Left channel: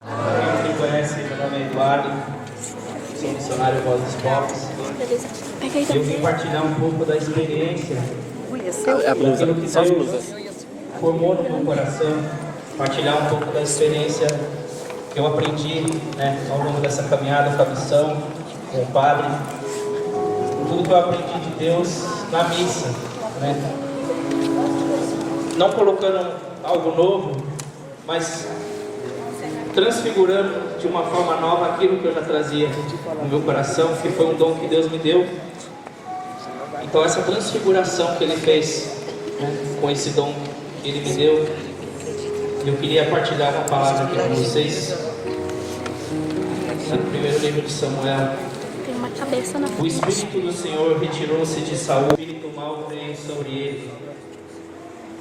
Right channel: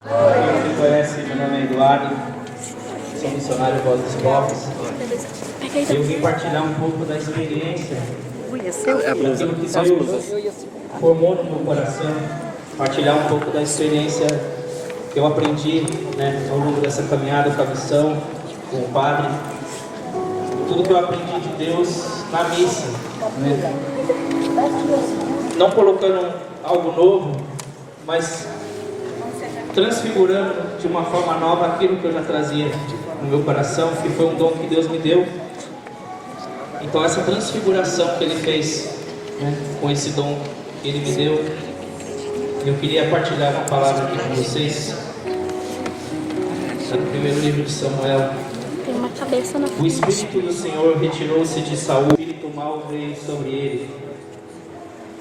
Quem me conhece, meu nome é Eduardo, sou missionário Voz dos Pobres. Eu vim partilhar um pouco da experiência daquilo que Deus formou no meu coração, partilhar um pouco da experiência que eu aprendi, ao longo dessa caminhada com a missão, com o padre, tudo que eu aprendi de Deus na missa, não colocando algo novo, mas transfigurando de uma forma nova aquilo que eu já trazia no meu coração, que foi um dom que Deus me deu. Então essa transfiguração que Ele fez, com esse dom que Ele me deu, eu queria partilhar uma palavra aqui com vocês. No primeiro livro de Samuel, tem uma cabeça na frente. o Espírito do Senhor retirou-se de Saul, o Espírito mau veio sobre ele.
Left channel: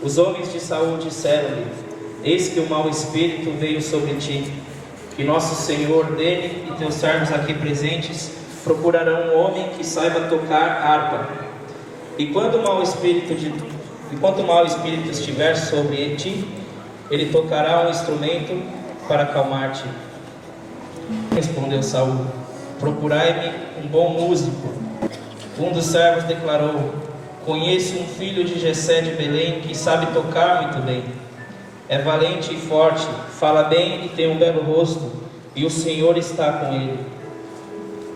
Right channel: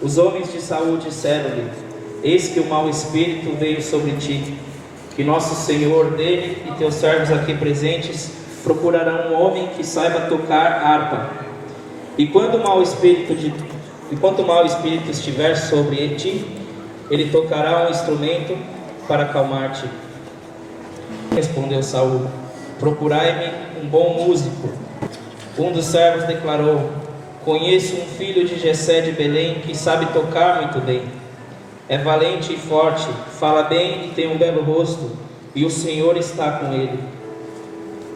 Os homens de Saul disseram-lhe: eis que o mau Espírito veio sobre ti, que nosso Senhor dele e teus servos aqui presentes procurarão um homem que saiba tocar harpa. E quando o mau Espírito estiver sobre ti, ele tocará um instrumento para acalmar-te. Respondeu Saul: procurai-me um bom músico. Um dos servos declarou: conheço um filho de Jessé de Belém que sabe tocar muito bem. É valente e forte, fala bem e tem um belo rosto, e o Senhor está com ele.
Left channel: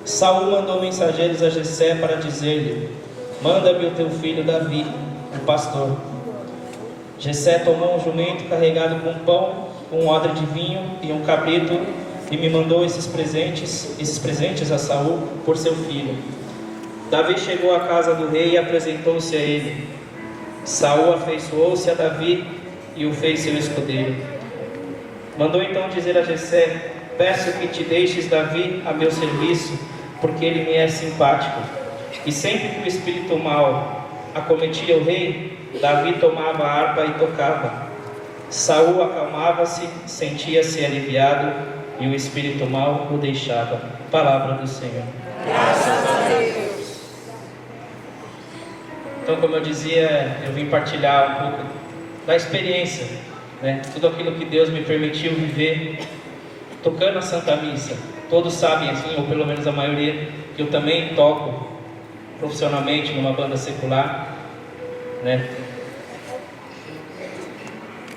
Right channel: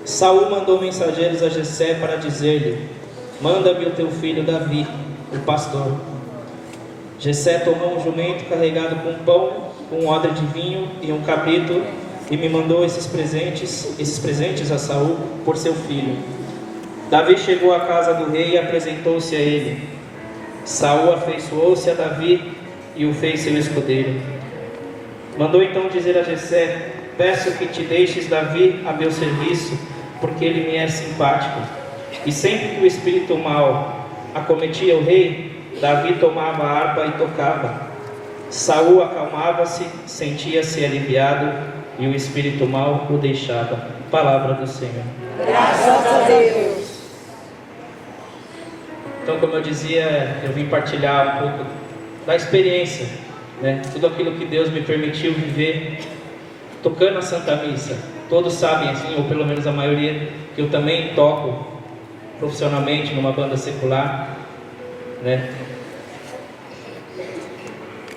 Saul mandou mensageiros a Jessé para dizer-lhe: manda-me o teu filho Davi, o pastor. Jessé tomou um jumento carregado com pão, um odre de vinho e um capítulo, e me mandou esses presentes a Saul por seu filho. Davi chegou à casa do rei e apresentou-se a ele. Saul afeiçoou-se a Davi e o fez seu escudeiro. Mandou então dizer a Jessé: peço que te deixes Davi a meu serviço, porque ele me é simpático. E sempre que o espírito mau acometia o rei, Davi tomava a harpa e tocava. Saul acalmava-se, sentia-se aliviado, e o espírito mau o deixava. Palavra do Senhor. Graças a Deus. Então, como eu dizia, eu vim partilhar um pouco da experiência, tudo aquilo que Deus me permitiu viver tocando a Santa Missa. Todos sabem, assim, ou pelo menos a maioria, que eu também toco profissionalmente numa banda secular,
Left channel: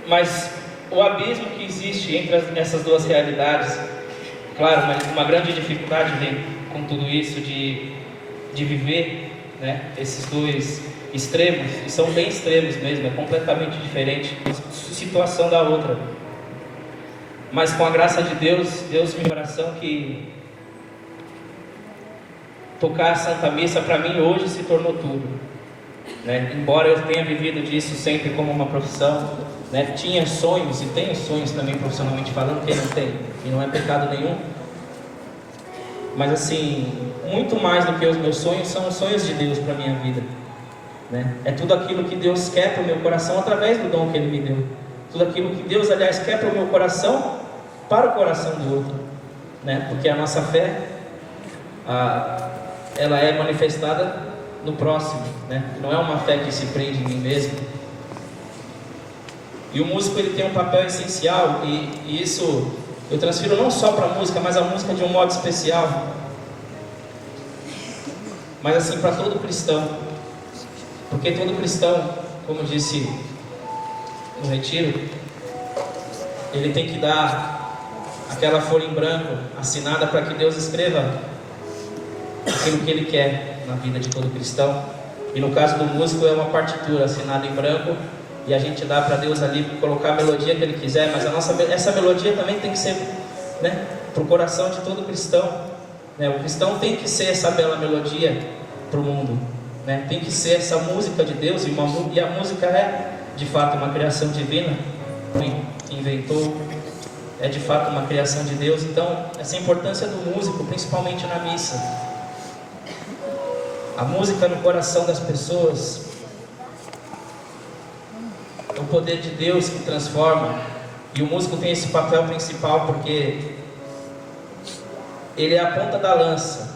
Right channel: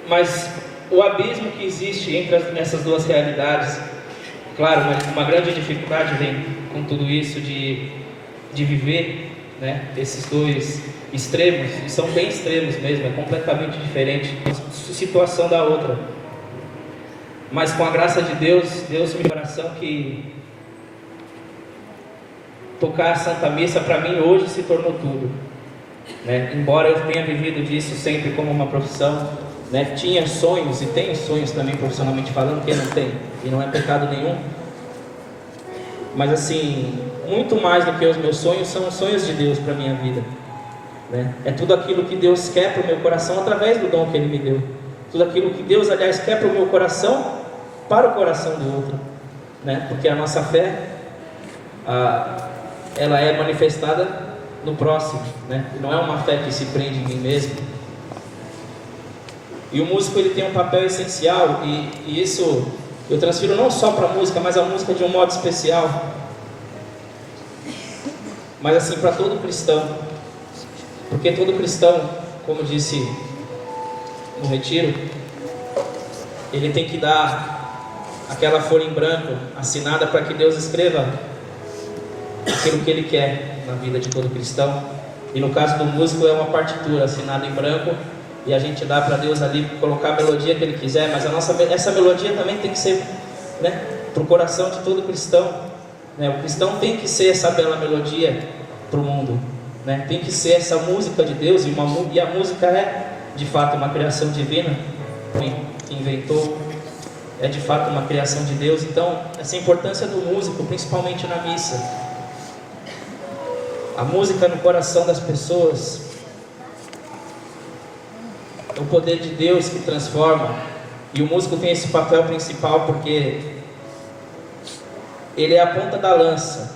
Mas o abismo que existe entre essas duas realidades, claro, mas uma grande dificuldade vem com tudo isso de viver, esses dois extremos, e são bem extremos mesmo, é completamente diferente uma situação da outra. Mas com a graça de Deus, Deus me deu coração que tocar a Santa Missa para mim hoje se tornou tudo, embora eu tenha vivido disso sempre como uma profissão, tinha sonhos e tenho sonhos também profissionalmente falando, que não tem, e não é pecado nenhum, mas assim, muito mais do que os meus sonhos são os sonhos de Deus para a minha vida, é tudo aquilo que Deus quer para o meu coração através do dom que Ele me deu, tudo aquilo que Deus, aliás, quer para o meu coração, para o coração do outro, porque a nossa fé, ela é manifestada no próximo, não é uma fé que se prende em mim mesmo. E o músico, ele tem um papel essencial, e isso eu transfiro não só para a música, mas a música de um modo especial, mas assim para todo cristão, porque todo cristão, como disse no retiro, ele tem que dar aquela folha em branco assinada para que Deus escreva aquilo que Ele quer na vida de todo cristão. E no caso do músico é uma partitura assinada em branco, e a gente dá para Deus ali colocar a melodia que Ele quiser, mas essa melodia também tem que ser para o coração de todo cristão, o cristão tem que ser essa bela melodia para o mundo, tem que ser essa música de Deus, e a música é de fato uma criação divina, que inventou, é de fato uma criação de Deus. Então essa importância do músico, principalmente na missa, a música no coração das pessoas, é o poder de Deus que transforma, e o músico tem esse papel principal porque ele é a ponta da lança.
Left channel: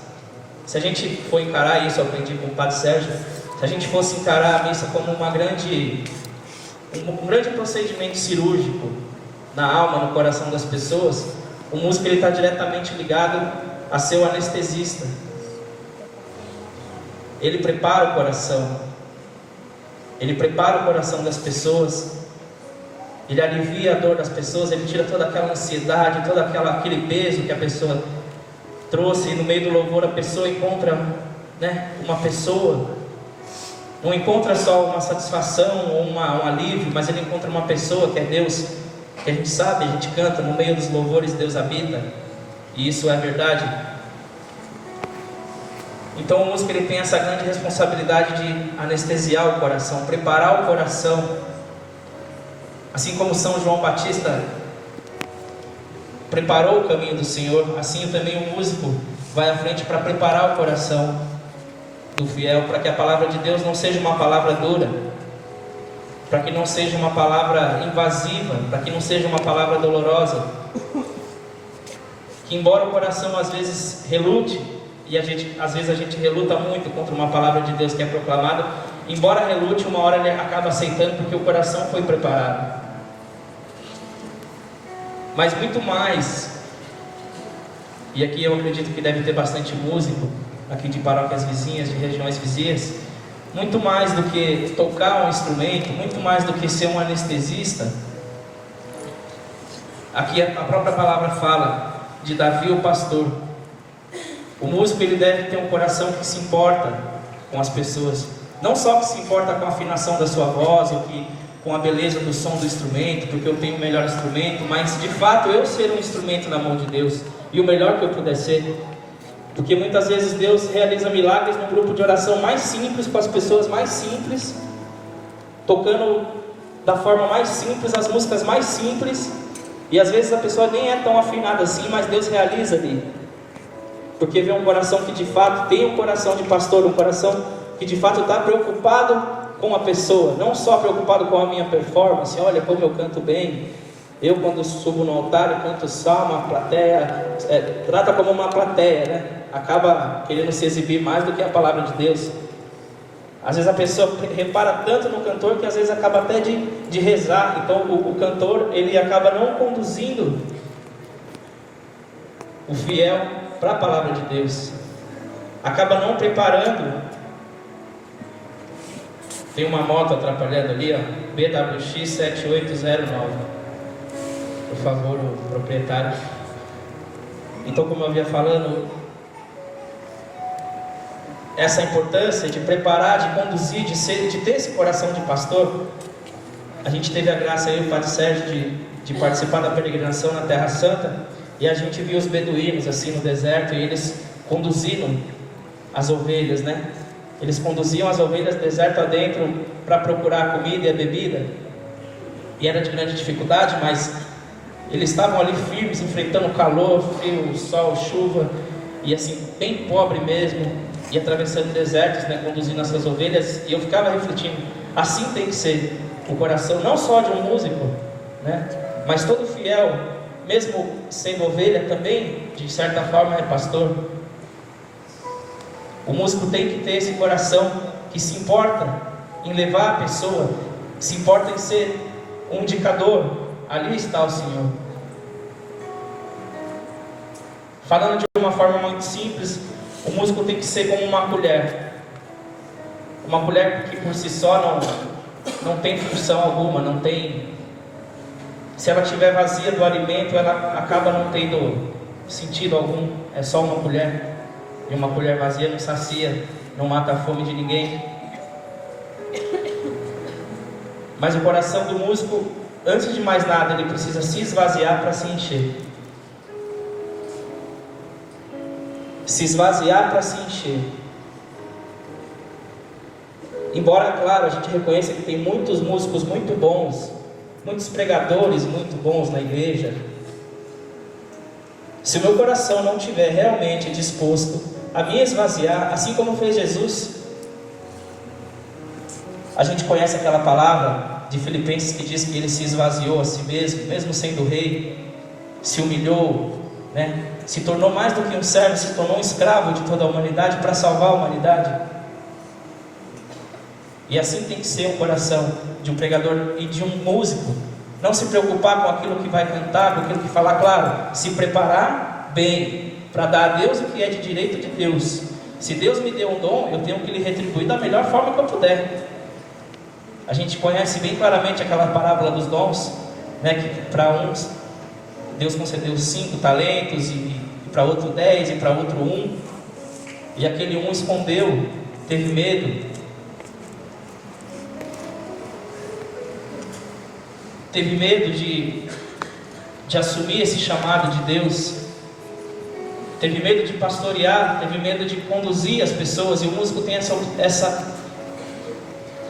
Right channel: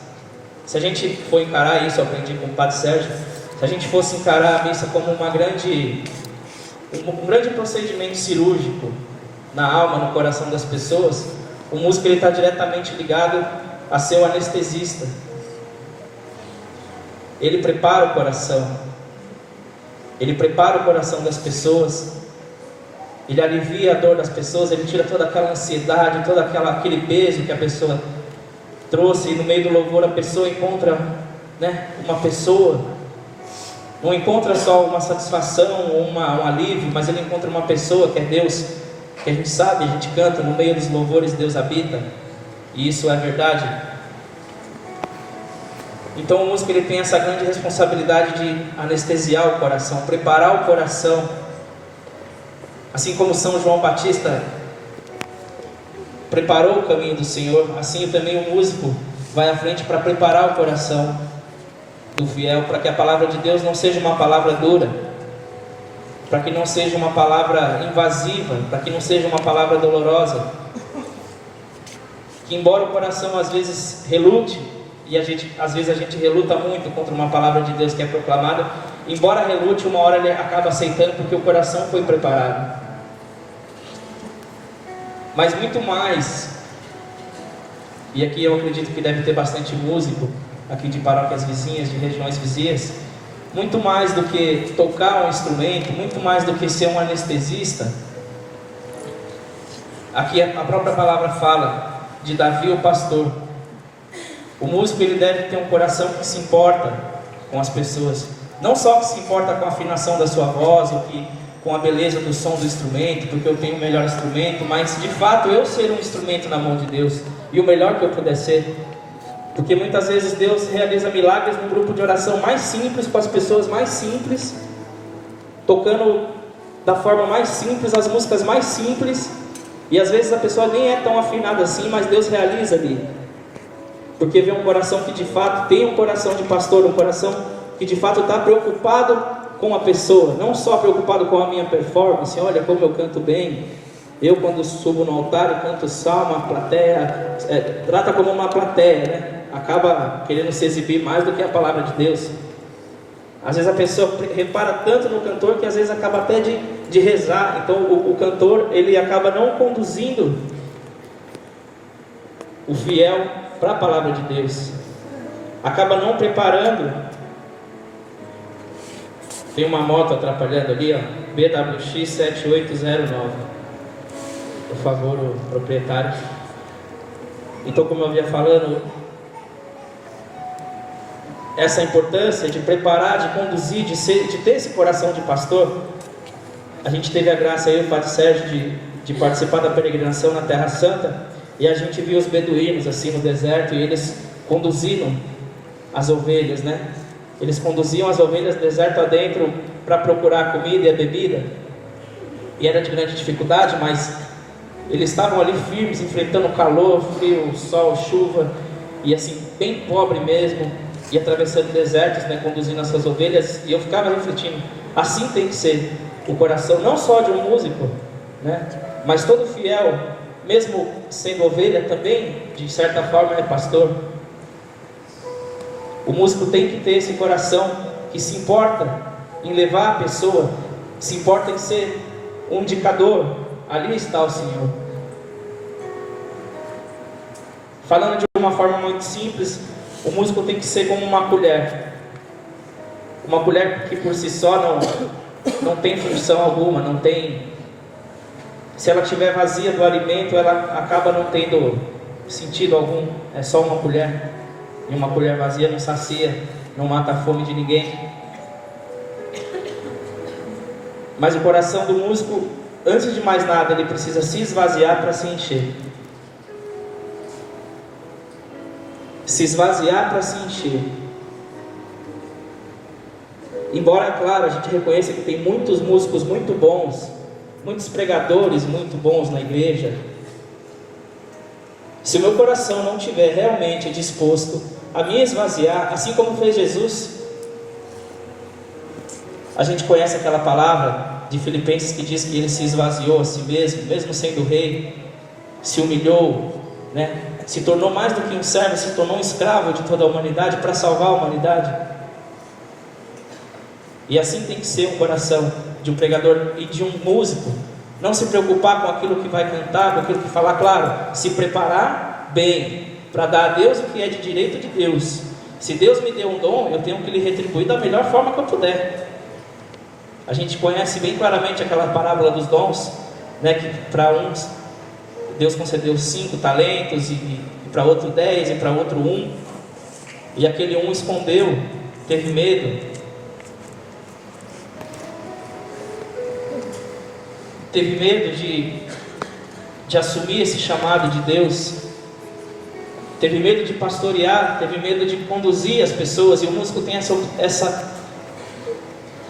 Se a gente for encarar isso, eu aprendi com o Padre Sérgio, se a gente fosse encarar a missa como um grande procedimento cirúrgico na alma, no coração das pessoas, O músico ele está diretamente ligado a ser o anestesista. Ele prepara o coração. Ele prepara o coração das pessoas. Ele alivia a dor das pessoas. Ele tira toda aquela ansiedade, todo aquele peso que a pessoa trouxe. E no meio do louvor a pessoa encontra, uma pessoa. Não encontra só uma satisfação ou um alívio, mas ele encontra uma pessoa que é Deus. Que a gente sabe, a gente canta, no meio dos louvores Deus habita. E isso é verdade. Então o músico ele tem essa grande responsabilidade de anestesiar o coração, preparar o coração. Assim como São João Batista preparou o caminho do Senhor, assim também o músico vai à frente para preparar o coração do fiel, para que a palavra de Deus não seja uma palavra dura, para que não seja uma palavra invasiva, para que não seja uma palavra dolorosa. Que embora o coração às vezes relute, e às vezes a gente reluta muito contra uma palavra de Deus que é proclamada, embora relute, uma hora ele acaba aceitando, porque o coração foi preparado. Mas muito mais, e aqui eu acredito que deve ter bastante músico aqui de paróquias vizinhas, de regiões vizinhas, muito mais do que tocar um instrumento, muito mais do que ser um anestesista. Aqui a própria palavra fala de Davi o pastor. O músico ele deve ter um coração que se importa com as pessoas, não só que se importa com a afinação da sua voz, ou com a beleza do som do instrumento, porque eu tenho o melhor instrumento, mas de fato eu ser um instrumento na mão de Deus, e o melhor que eu puder ser. Porque muitas vezes Deus realiza milagres num grupo de oração mais simples, com as pessoas mais simples, tocando da forma mais simples, as músicas mais simples, e às vezes a pessoa nem é tão afinada assim, mas Deus realiza ali, porque vê um coração que de fato tem um coração de pastor, um coração que de fato está preocupado com a pessoa, não só preocupado com a minha performance. Olha como eu canto bem, eu quando subo no altar eu canto salmo, a plateia trata como uma plateia, acaba querendo se exibir mais do que a palavra de Deus. Às vezes a pessoa repara tanto no cantor que às vezes acaba até de rezar. Então o cantor ele acaba não conduzindo o fiel para a palavra de Deus, acaba não preparando. Tem uma moto atrapalhando ali, BWX 7809, por favor, o proprietário. Então, como eu vinha falando, essa importância de preparar, de conduzir, de ter esse coração de pastor. A gente teve a graça, eu e o Padre Sérgio, de participar da peregrinação na Terra Santa, e a gente viu os beduínos assim no deserto, e eles conduziam as ovelhas, Eles conduziam as ovelhas deserto adentro para procurar a comida e a bebida, e era de grande dificuldade, mas eles estavam ali firmes, enfrentando calor, frio, sol, chuva, e assim, bem pobre mesmo, e atravessando desertos, conduzindo as suas ovelhas. E eu ficava refletindo, assim tem que ser o coração, não só de um músico, mas todo fiel, mesmo sendo ovelha, também, de certa forma, é pastor. O músico tem que ter esse coração que se importa em levar a pessoa, que se importa em ser um indicador. Ali está o Senhor. Falando de uma forma muito simples, o músico tem que ser como uma colher. Uma colher que por si só não tem função alguma, não tem... Se ela estiver vazia do alimento, ela acaba não tendo sentido algum. É só uma colher. E uma colher vazia não sacia, não mata a fome de ninguém. Mas o coração do músico, antes de mais nada, ele precisa se esvaziar para se encher. Se esvaziar para se encher. Embora, claro, a gente reconheça que tem muitos músicos muito bons, muitos pregadores muito bons na igreja, se o meu coração não estiver realmente disposto a me esvaziar, assim como fez Jesus. A gente conhece aquela palavra de Filipenses que diz que ele se esvaziou a si mesmo, mesmo sendo rei, se humilhou, se tornou mais do que um servo, se tornou um escravo de toda a humanidade para salvar a humanidade. E assim tem que ser o coração de um pregador e de um músico, Não se preocupar com aquilo que vai cantar, com aquilo que falar, claro, se preparar bem, para dar a Deus o que é de direito de Deus. Se Deus me deu um dom, eu tenho que lhe retribuir da melhor forma que eu puder. A gente conhece bem claramente aquela parábola dos dons, né, que para uns Deus concedeu 5 talentos, e para outro 10, e para outro 1, e aquele 1 escondeu, teve medo. Teve medo de assumir esse chamado de Deus. Teve medo de pastorear, teve medo de conduzir as pessoas. E o músico tem essa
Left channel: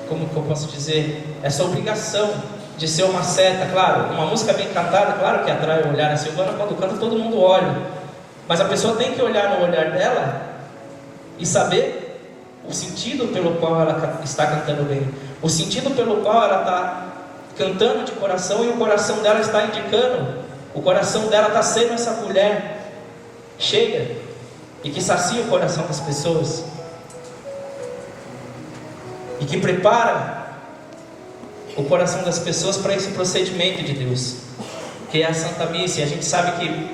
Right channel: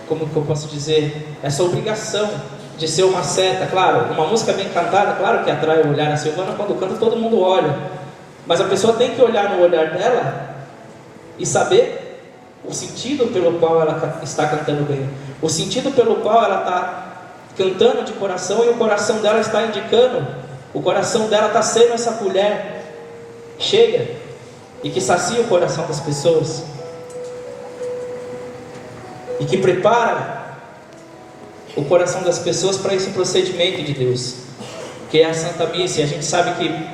como que eu posso dizer? Essa obrigação de ser uma seta. Claro, uma música bem cantada, claro que atrai o olhar. A Silvana, quando canta, todo mundo olha. Mas a pessoa tem que olhar no olhar dela e saber o sentido pelo qual ela está cantando bem. O sentido pelo qual ela está cantando de coração, e o coração dela está indicando, o coração dela está sendo essa colher chega e que sacia o coração das pessoas e que prepara o coração das pessoas para esse procedimento de Deus, que é a Santa Missa. E a gente sabe que,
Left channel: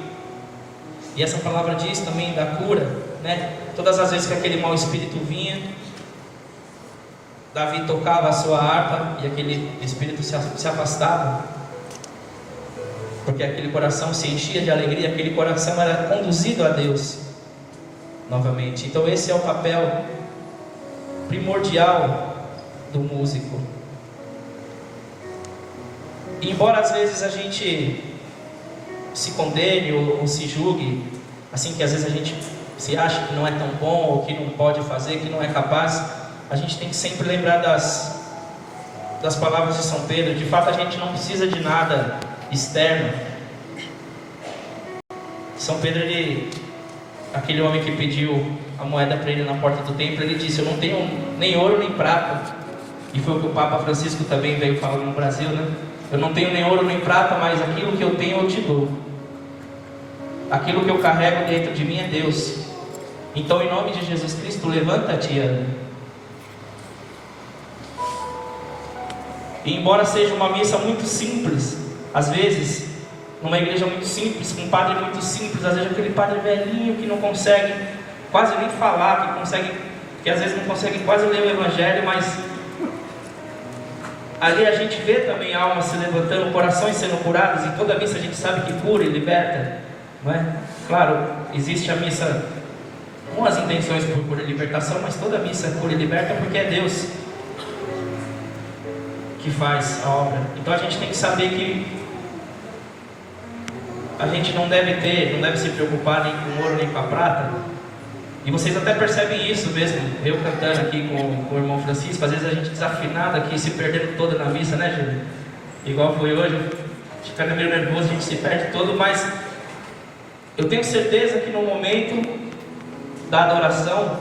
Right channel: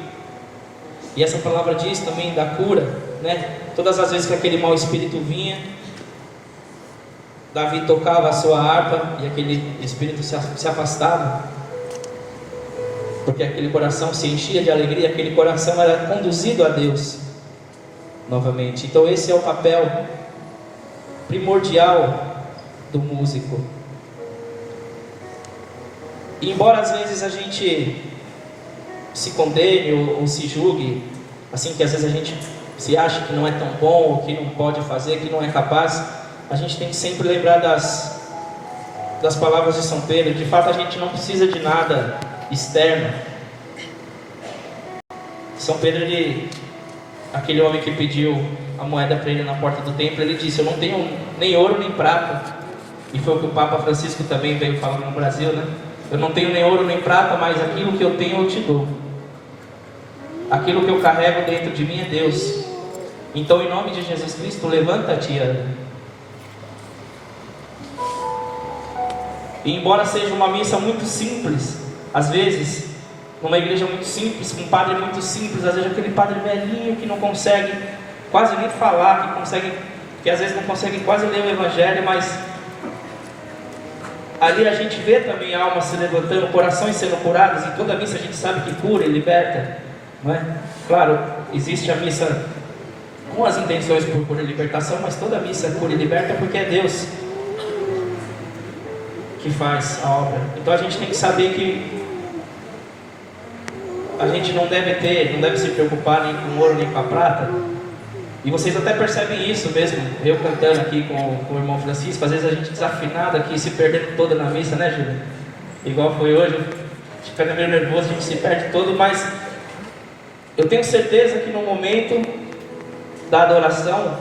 e essa palavra diz também da cura, né? Todas as vezes que aquele mau espírito vinha, Davi tocava a sua harpa e aquele espírito se afastava, porque aquele coração se enchia de alegria, aquele coração era conduzido a Deus novamente. Então esse é o papel primordial do músico. E embora às vezes a gente se condene ou se julgue, assim, que às vezes a gente se acha que não é tão bom, ou que não pode fazer, que não é capaz, a gente tem que sempre lembrar das palavras de São Pedro. De fato, a gente não precisa de nada externo. São Pedro, aquele homem que pediu a moeda para ele na porta do templo, ele disse: eu não tenho nem ouro nem prata. E foi o que o Papa Francisco também veio falando no Brasil, né? Eu não tenho nem ouro nem prata, mas aquilo que eu tenho eu te dou. Aquilo que eu carrego dentro de mim é Deus. Então, em nome de Jesus Cristo, levanta-te e anda. E embora seja uma missa muito simples, às vezes, numa igreja muito simples, com um padre muito simples, às vezes aquele padre velhinho que não consegue quase nem falar, que às vezes não consegue quase ler o Evangelho, mas ali a gente vê também almas se levantando, corações sendo curados. E toda missa a gente sabe que cura e liberta, não é? Claro, existe a missa com as intenções por cura e libertação, mas toda missa cura e liberta, porque é Deus que faz a obra. Então a gente tem que saber que a gente não deve se preocupar nem com ouro nem com a prata. E vocês até percebem isso mesmo, eu cantando aqui com o irmão Francisco, às vezes a gente desafinado aqui, se perdendo toda na missa, né, Júlio? Igual foi hoje, a gente fica meio nervoso, a gente se perde todo, mas eu tenho certeza que no momento da adoração,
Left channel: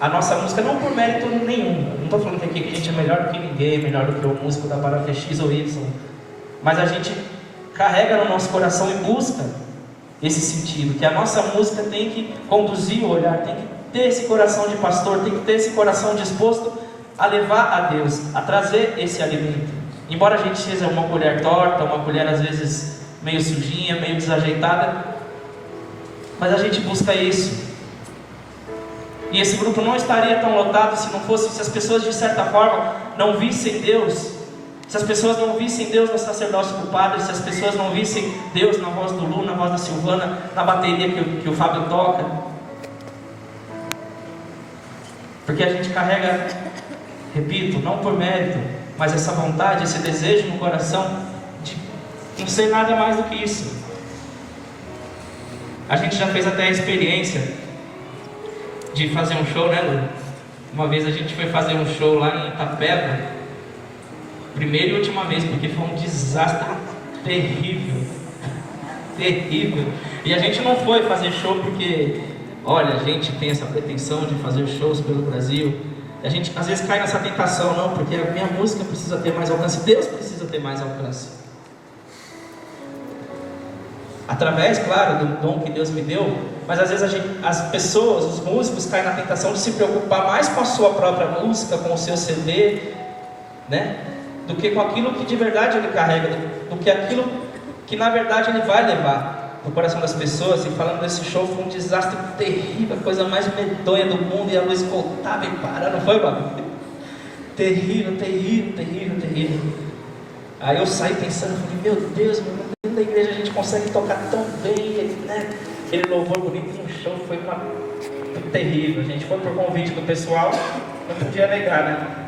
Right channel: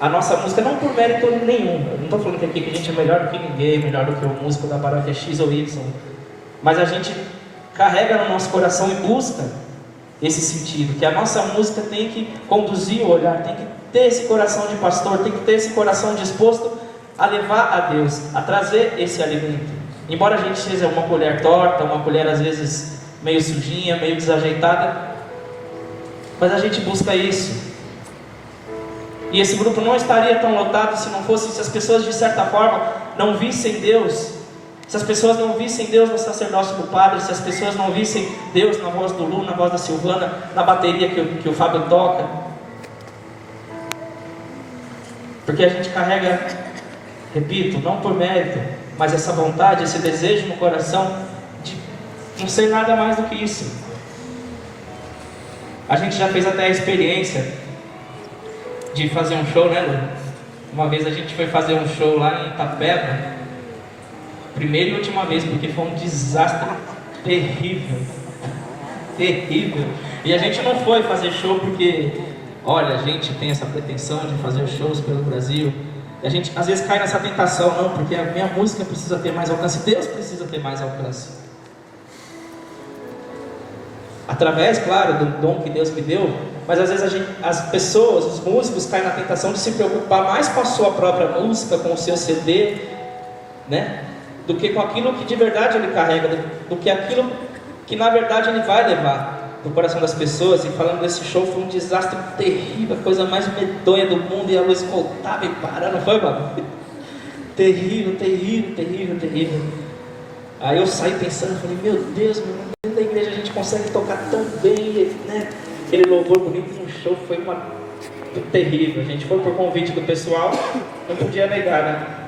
a nossa música, não por mérito nenhum, eu não estou falando que aqui a gente é melhor do que ninguém, melhor do que o músico da paróquia X ou Y, mas a gente carrega no nosso coração e busca esse sentido, que a nossa música tem que conduzir o olhar, tem que ter esse coração de pastor, tem que ter esse coração disposto a levar a Deus, a trazer esse alimento. Embora a gente seja uma colher torta, uma colher às vezes meio sujinha, meio desajeitada, mas a gente busca isso. E esse grupo não estaria tão lotado se as pessoas de certa forma não vissem Deus, se as pessoas não vissem Deus no sacerdócio do padre, se as pessoas não vissem Deus na voz do Lu, na voz da Silvana, na bateria que o Fábio toca. Porque a gente carrega, repito, não por mérito, mas essa vontade, esse desejo no coração de não ser nada mais do que isso. A gente já fez até a experiência de fazer um show, né, Lu? Uma vez a gente foi fazer um show lá em Itapeva, primeira e última vez, porque foi um desastre terrível, terrível. E a gente não foi fazer show porque, olha, a gente tem essa pretensão de fazer shows pelo Brasil. E a gente às vezes cai nessa tentação, não, porque a minha música precisa ter mais alcance, Deus precisa ter mais alcance. Através, claro, do dom que Deus me deu, mas às vezes as pessoas, os músicos, caem na tentação de se preocupar mais com a sua própria música, com o seu CD, né? do que com aquilo que de verdade ele carrega, do que aquilo que na verdade ele vai levar no coração das pessoas. E falando desse show, foi um desastre terrível, a coisa mais medonha do mundo, e a luz voltava e parava, não foi, mano? Terrível, terrível, terrível, terrível. Aí eu saí pensando, falei, meu Deus, dentro da igreja a gente consegue tocar tão bem, né? Aquele louvor bonito no show foi terrível. A gente foi por convite do pessoal, não podia negar, né?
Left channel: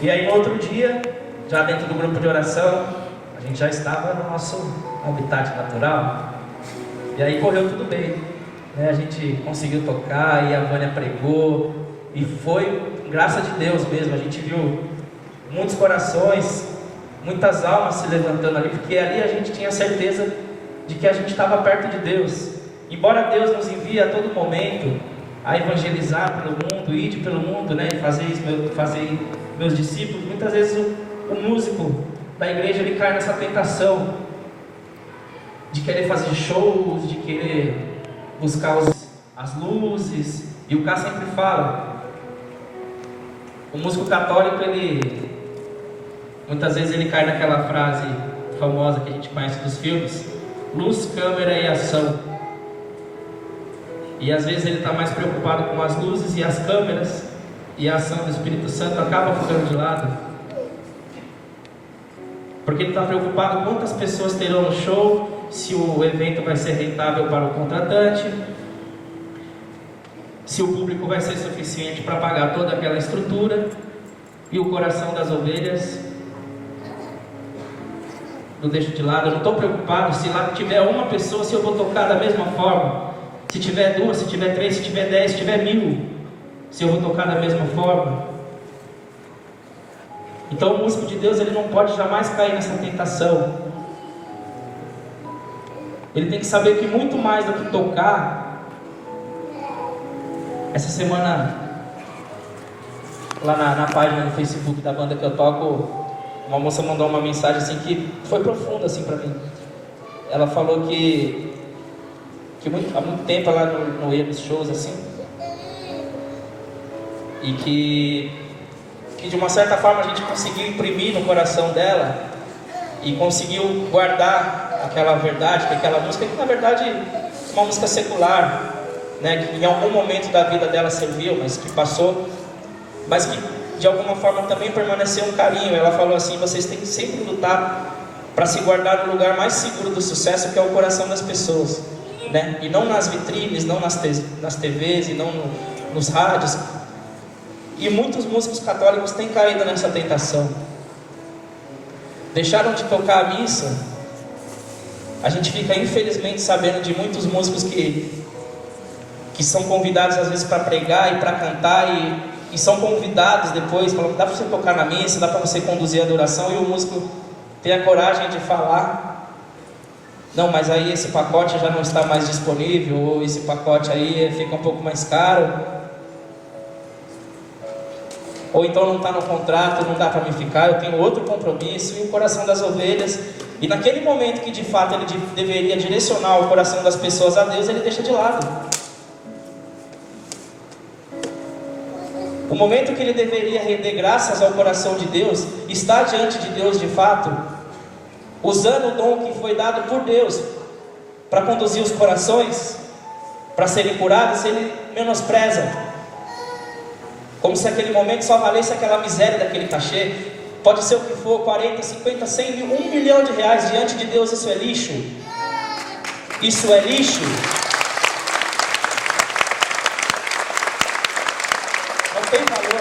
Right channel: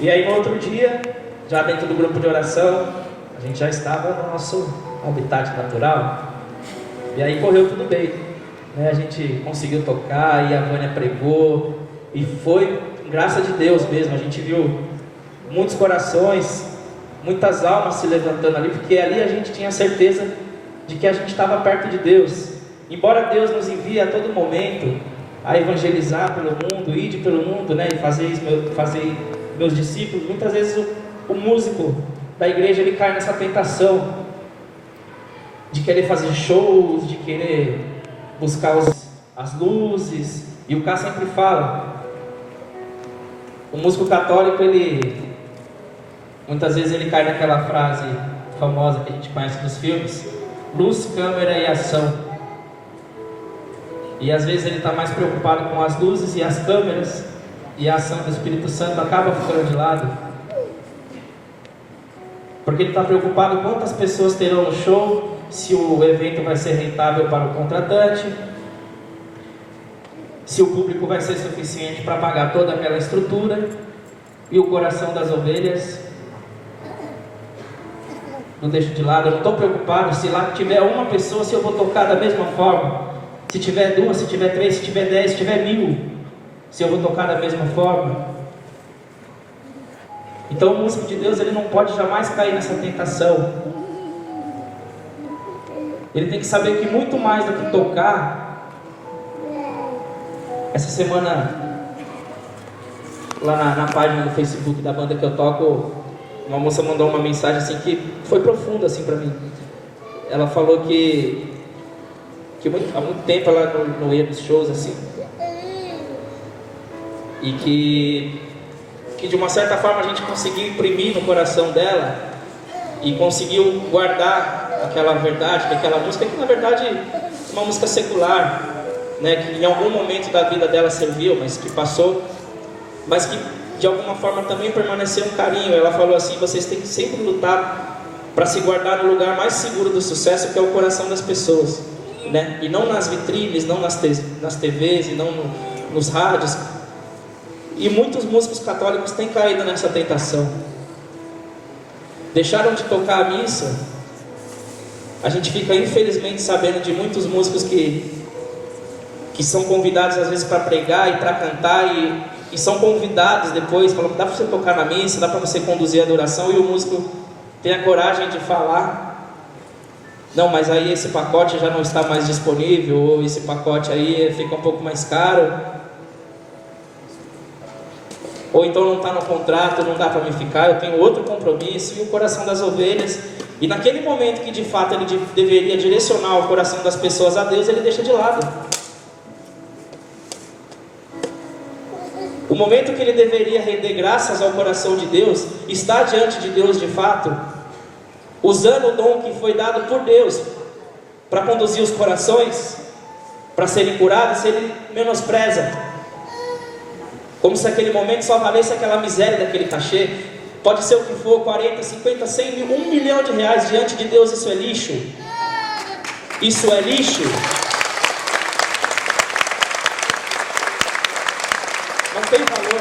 E aí no outro dia, já dentro do grupo de oração, a gente já estava no nosso habitat natural. E aí correu tudo bem, né? A gente conseguiu tocar, e a Vânia pregou, e foi graça de Deus mesmo. A gente viu muitos corações, muitas almas se levantando ali, porque ali a gente tinha certeza de que a gente estava perto de Deus. Embora Deus nos envie a todo momento a evangelizar pelo mundo, ide pelo mundo, né, e fazer meus discípulos, muitas vezes o músico da igreja ele cai nessa tentação de querer fazer shows, de querer buscar as luzes. E o Cá sempre fala, o músico católico, muitas vezes ele cai naquela frase famosa que a gente conhece dos filmes: luz, câmera e ação. E às vezes ele está mais preocupado com as luzes e as câmeras, e a ação do Espírito Santo acaba ficando de lado, porque ele está preocupado quantas pessoas terão no show, se o evento vai ser rentável para o contratante, se o público vai ser suficiente para pagar toda aquela estrutura. E o coração das ovelhas não deixo de lado. Eu não estou preocupado se lá tiver uma pessoa, se eu vou tocar da mesma forma. Se tiver 2, se tiver 3, se tiver 10, se tiver 1000, se eu vou tocar da mesma forma. Então o músico de Deus, ele não pode jamais cair nessa tentação. Ele tem que saber que muito mais do que tocar. Essa semana, lá na página do Facebook da banda que eu toco, uma moça mandou uma mensagem assim que foi profunda assim para mim. Ela falou que há muito tempo ela não ia nos shows assim, e que de uma certa forma a gente conseguiu imprimir no coração dela e conseguiu guardar aquela verdade, que aquela música, que na verdade é uma música secular, né, que em algum momento da vida dela serviu, mas que passou, mas que de alguma forma também permaneceu um carinho. Ela falou assim: vocês têm que sempre lutar para se guardar no lugar mais seguro do sucesso, que é o coração das pessoas, né? E não nas vitrines, não nas TVs, e não nos rádios. E muitos músicos católicos têm caído nessa tentação, deixaram de tocar a missa. A gente fica infelizmente sabendo de muitos músicos que são convidados às vezes para pregar e para cantar, e são convidados depois, falam: dá para você tocar na missa, dá para você conduzir a adoração, e o músico tem a coragem de falar: não, mas aí esse pacote já não está mais disponível, ou esse pacote aí fica um pouco mais caro, ou então não está no contrato, não dá para me ficar, eu tenho outro compromisso. E o coração das ovelhas, e naquele momento que de fato ele deveria direcionar o coração das pessoas a Deus, ele deixa de lado. O momento que ele deveria render graças ao coração de Deus, estar diante de Deus de fato, usando o dom que foi dado por Deus para conduzir os corações, para serem curados, ele menospreza, como se aquele momento só valesse aquela miséria daquele cachê. Pode ser o que for, 40, 50, 100 mil, 1 milhão de reais. Diante de Deus isso é lixo. Isso é lixo. Não tem valor.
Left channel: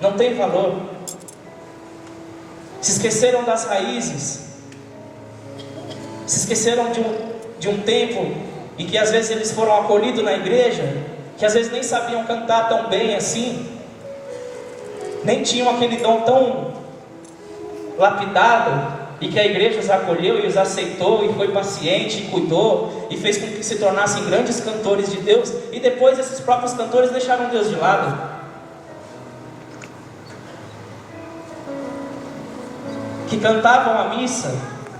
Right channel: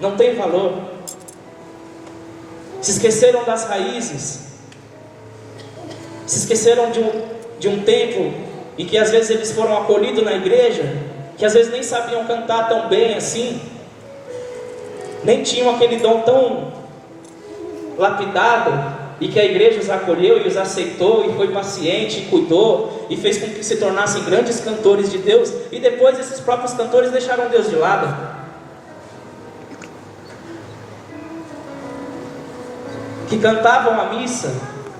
Não tem valor. Se esqueceram das raízes. Se esqueceram de um tempo em que às vezes eles foram acolhidos na igreja, que às vezes nem sabiam cantar tão bem assim, nem tinham aquele dom tão lapidado, e que a igreja os acolheu e os aceitou, e foi paciente, e cuidou, e fez com que se tornassem grandes cantores de Deus. E depois esses próprios cantores deixaram Deus de lado, que cantavam a missa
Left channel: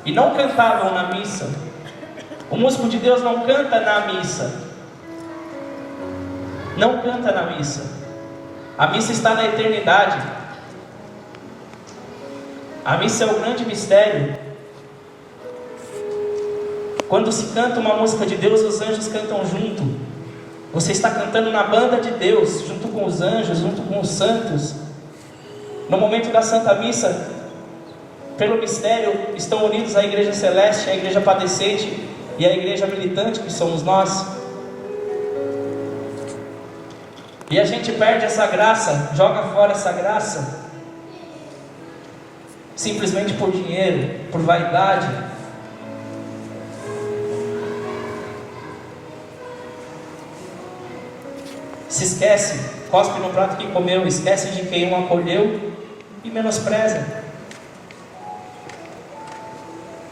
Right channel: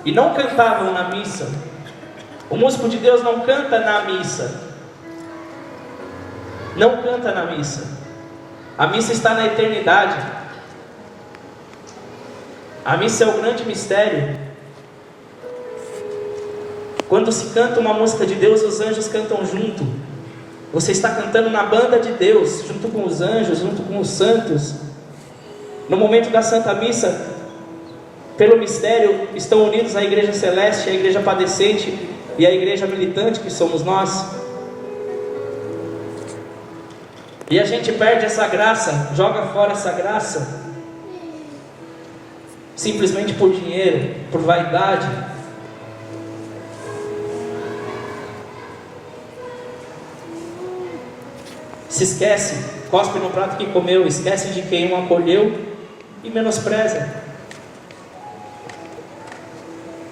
e não cantavam na missa. O músico de Deus não canta na missa, não canta na missa. A missa está na eternidade. A missa é o grande mistério. Quando se canta uma música de Deus, os anjos cantam junto. Você está cantando na banda de Deus, junto com os anjos, junto com os santos. No momento da Santa Missa, pelo mistério, estão unidos a Igreja Celeste, a Igreja Padecente e a Igreja Militante, que somos nós. E a gente perde essa graça, joga fora essa graça, simplesmente por dinheiro, por vaidade. Se esquece, cospe no prato que comeu, esquece de quem o acolheu e menospreza.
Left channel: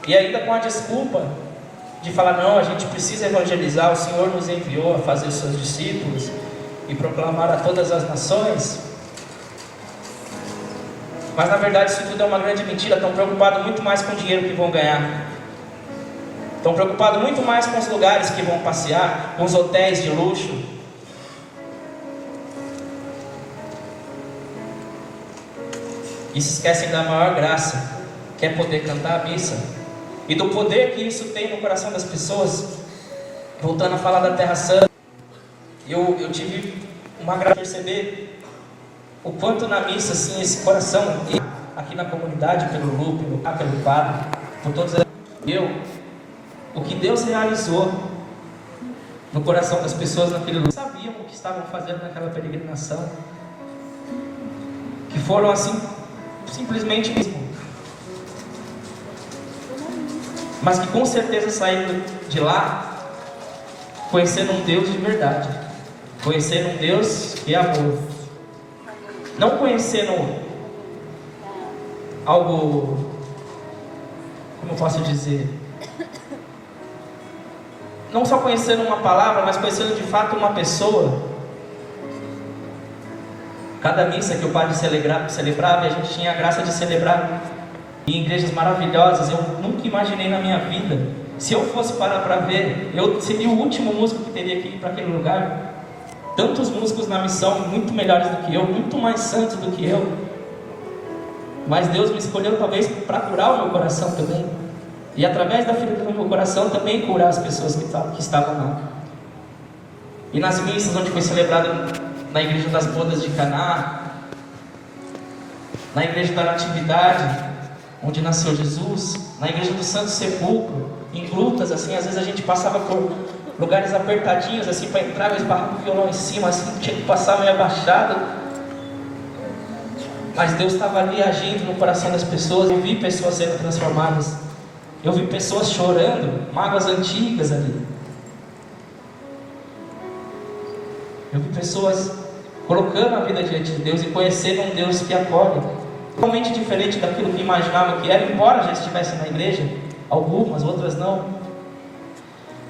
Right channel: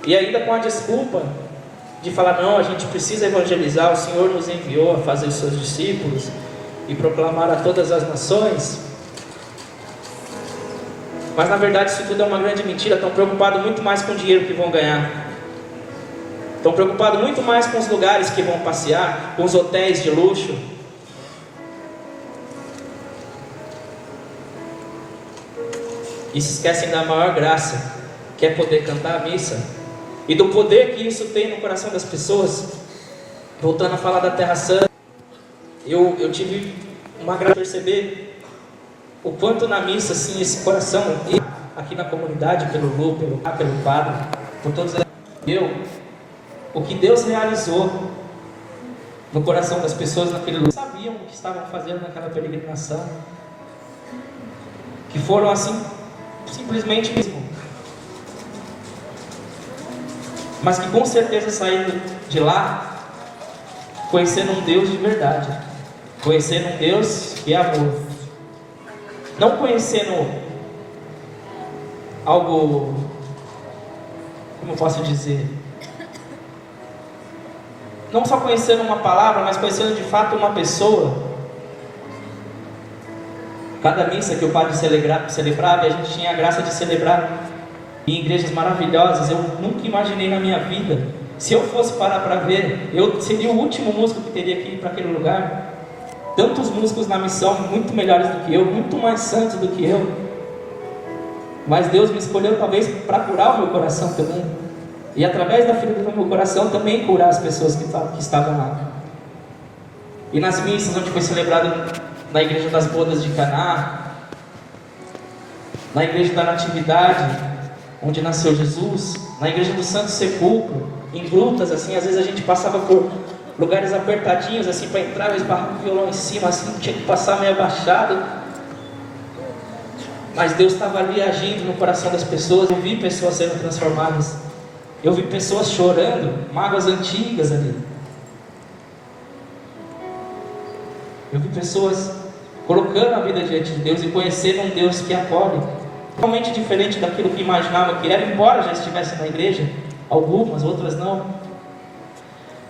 E ainda com a desculpa de falar, não, a gente precisa evangelizar, o Senhor nos enviou a fazer os seus discípulos e proclamar a todas as nações. Mas na verdade isso tudo é uma grande mentira. Estão preocupados muito mais com o dinheiro que vão ganhar. Estão preocupados muito mais com os lugares que vão passear, com os hotéis de luxo. E se esquecem da maior graça, que é poder cantar a missa. E do poder que isso tem no coração das pessoas. Voltando a falar da Terra Santa, eu tive uma graça de perceber o quanto na missa, assim, esse coração, aqui na comunidade, pelo Lu, pelo padre, por todos o que Deus realizou no coração das pessoas naquele lugar. Sabiam o que estavam fazendo naquela peregrinação, que foram assim, simplesmente mesmo, mas que com certeza saíram de lá conhecendo um Deus de verdade, conhecendo um Deus que é amor, não conhecendo algo, como eu posso dizer, não só conhecendo uma palavra, mas conhecendo de fato uma pessoa. Cada missa que o padre celebrava, e a gente tinha a graça de celebrar em igrejas maravilhosas, eu nunca imaginei na minha vida, se eu fosse parar para ver, eu seria o último músico que teria que ir para aquele lugar. Tantos músicos na missão, muito melhores do que eu, muito mais santos do que eu, mas Deus me escolheu talvez para curar o meu coração também, e através da ferida do meu coração também curar as pessoas que estavam lá. E nas missas onde foi celebrado, na igreja das bodas de Caná, na igreja da Natividade, onde nasceu Jesus, na igreja do Santo Sepulcro, em grutas, assim, às vezes a gente passava por lugares apertadinhos, assim, para entrar, eu esbarrava o violão em cima, assim, tinha que passar meio abaixado, mas Deus estava ali agindo no coração das pessoas. Eu vi pessoas sendo transformadas, eu vi pessoas chorando, mágoas antigas ali, eu vi pessoas colocando a vida diante de Deus e conhecendo um Deus que acolhe, totalmente diferente daquilo que imaginava que era, embora já estivesse na igreja, algumas, outras não,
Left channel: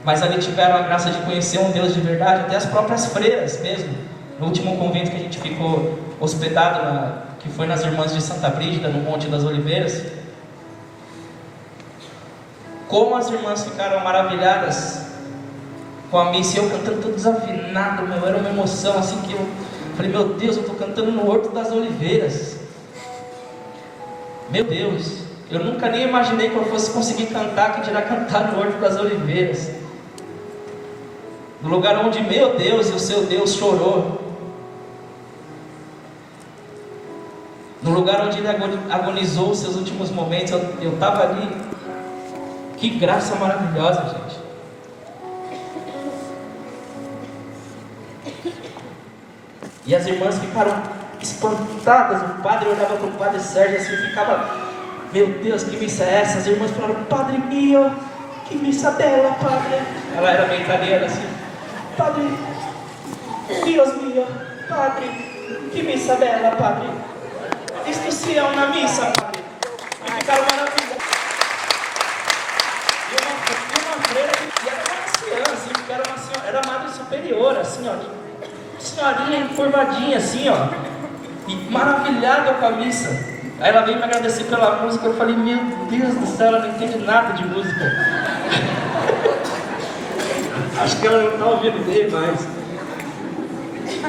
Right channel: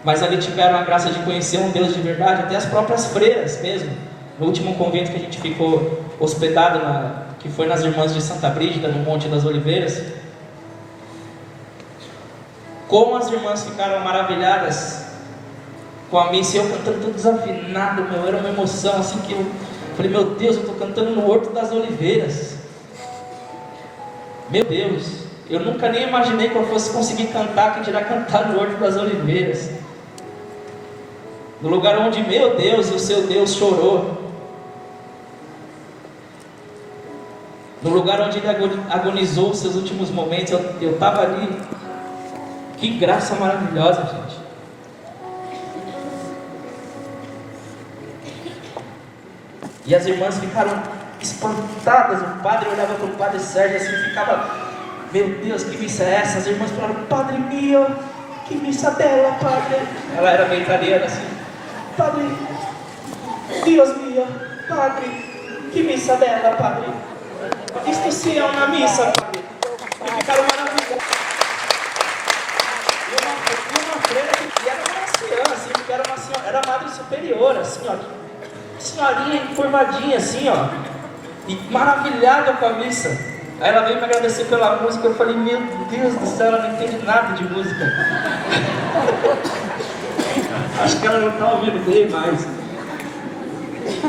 mas ali tiveram a graça de conhecer um Deus de verdade, até as próprias freiras mesmo. No último convento que a gente ficou hospedado, que foi nas Irmãs de Santa Brígida, no Monte das Oliveiras, como as irmãs ficaram maravilhadas com a missa, e eu cantando todo desafinado, era uma emoção assim que eu falei, meu Deus, eu estou cantando no Horto das Oliveiras. Meu Deus, eu nunca nem imaginei que eu fosse conseguir cantar, que dirá cantar no Horto das Oliveiras, no lugar onde meu Deus e o seu Deus chorou, no lugar onde ele agonizou os seus últimos momentos. Eu estava ali. Que graça maravilhosa, gente. E as irmãs ficaram espantadas. O padre olhava para o padre Sérgio assim, ficava, meu Deus, que missa é essa? As irmãs falaram, Padre mio, que missa bela, padre. Ela era bem italiana assim, Padre, Deus mio, padre, que missa bela, padre. Isto sim é uma missa, padre. E ficaram maravilhadas. E uma freira que era uma anciã, assim, porque era uma senhora, era madre superior, assim, ó, senhorinha encurvadinha, assim, ó, e maravilhada com a missa. Aí ela veio me agradecer pela música. Eu falei, meu Deus do céu, ela não entende nada de música. Acho que ela não está ouvindo bem mais.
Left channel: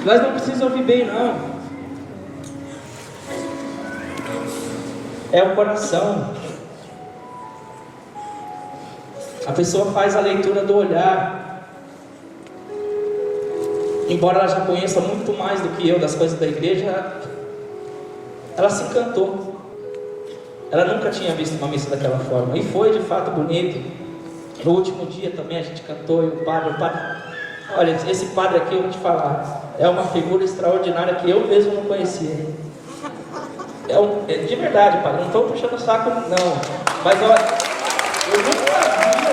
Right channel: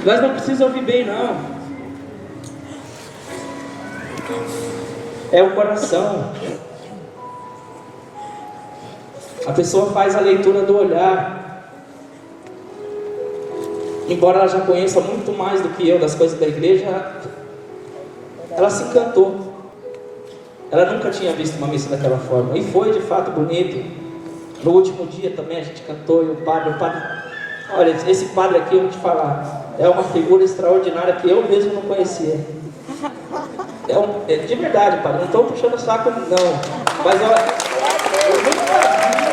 Nós não precisamos ouvir bem, não. É o coração. A pessoa faz a leitura do olhar. Embora ela já conheça muito mais do que eu das coisas da igreja, ela se encantou. Ela nunca tinha visto uma missa daquela forma. E foi de fato bonito. No último dia também a gente cantou e o padre... Olha, esse padre aqui, eu vou te falar, é uma figura extraordinária que eu mesmo não conhecia. De verdade, padre, não estou puxando o saco, não. Mas olha, eu nunca vi.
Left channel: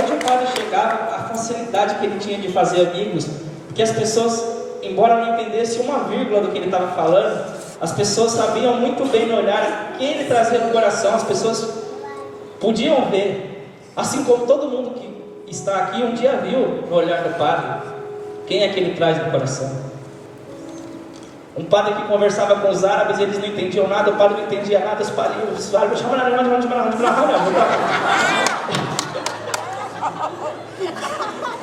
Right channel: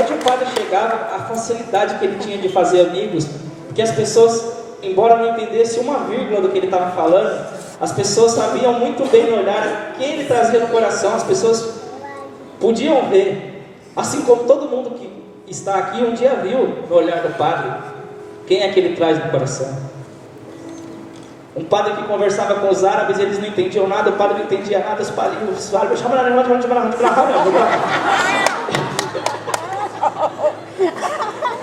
Onde o padre chegava, a facilidade que ele tinha de fazer amigos, porque as pessoas, embora não entendessem uma vírgula do que ele estava falando, as pessoas sabiam muito bem no olhar quem ele trazia no coração. As pessoas podiam ver, assim como todo mundo que está aqui um dia viu no olhar do padre quem é que ele traz no coração. Um padre que conversava com os árabes, eles não entendiam nada, o padre não entendia nada, os árabes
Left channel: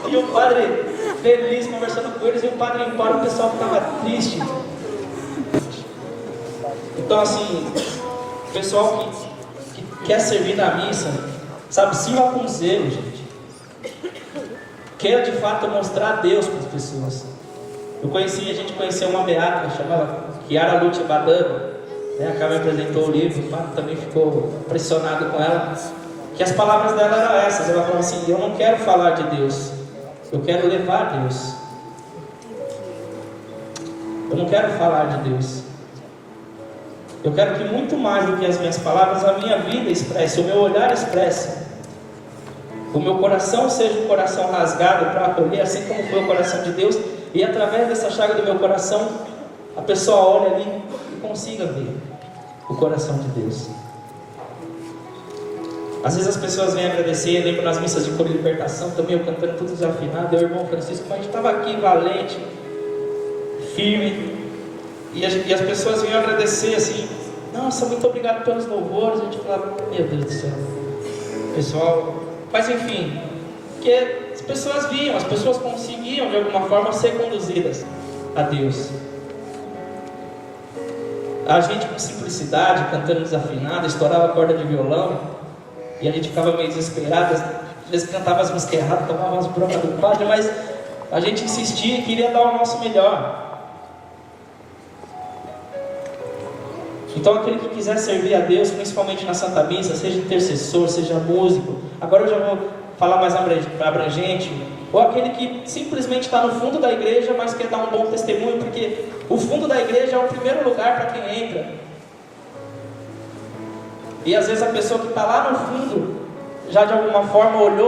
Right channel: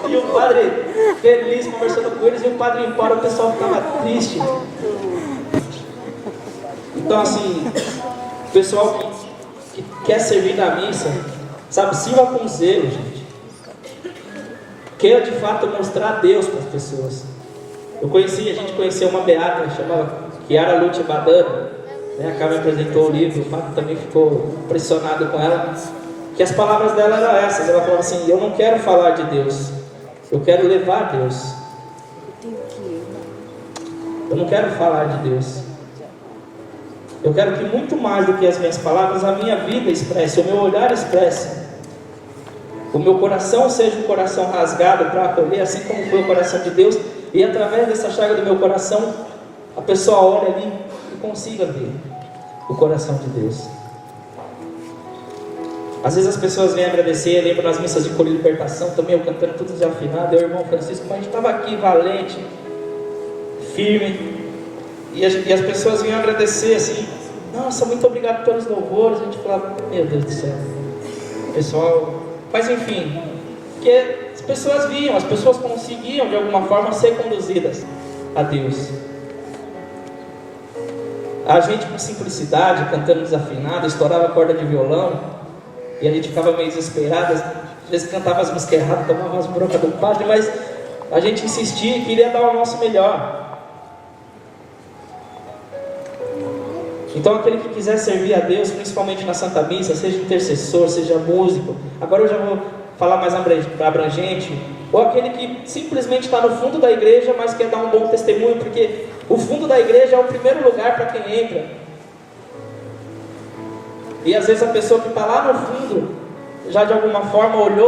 e o padre feliz conversando com eles, e o padre ia embora, o pessoal ficava triste. Então assim, o pessoal que quer servir na missa, sabe, sirva com zelo, gente. Quer de fato mostrar Deus para as pessoas. A gente conheceu uma beata, chamava Chiara Lute Badano, né? A Carmen apresentou o livro, o Fábio também ficou impressionado com ela, que as palavras dela eram essas. Ela falou assim: eu não quero falar de Deus, eu quero levar Deus. Eu não quero falar de Deus. Eu quero que muito mais do que as minhas palavras, a minha vida expresse, o meu olhar expresse. O meu coração seja um coração rasgado para acolher, assim como foi o coração de Deus. E através dessa chaga do meu coração, a pessoa olha ali e consiga ver o coração de Deus. Às vezes as pessoas vêm agradecer. Eu lembro nas missas de coro de libertação também, eu cantando tudo desafinado. Eu e o irmão Francisco, a gente estava aqui valente, firme. E as pessoas vinham agradecer assim: nossa, muito obrigado pelos louvores. A gente falava: meu Deus do céu, pessoal. Mas enfim, porque as pessoas viam, as pessoas conseguiam de alguma forma ser conduzidas a Deus. A gente com simplicidade, cantando desafinado, estourava a corda de violão, e a gente ficava meio desesperado. Às vezes cantava as músicas erradas, tomava umas broncas do padre, mas a gente insistia e queria dar o nosso melhor. Então aquele que quiser servir a Deus, principalmente na Santa Missa, seja intercessor, seja músico, agora eu já vou falar mais abrangente, ou aquele que simplesmente está no fundo da igreja, mas quer dar um bom testemunho, porque o fundo da igreja é o primeiro lugar para quem entra. E às vezes a pessoa que está lá no fundo, já de alguma forma olhou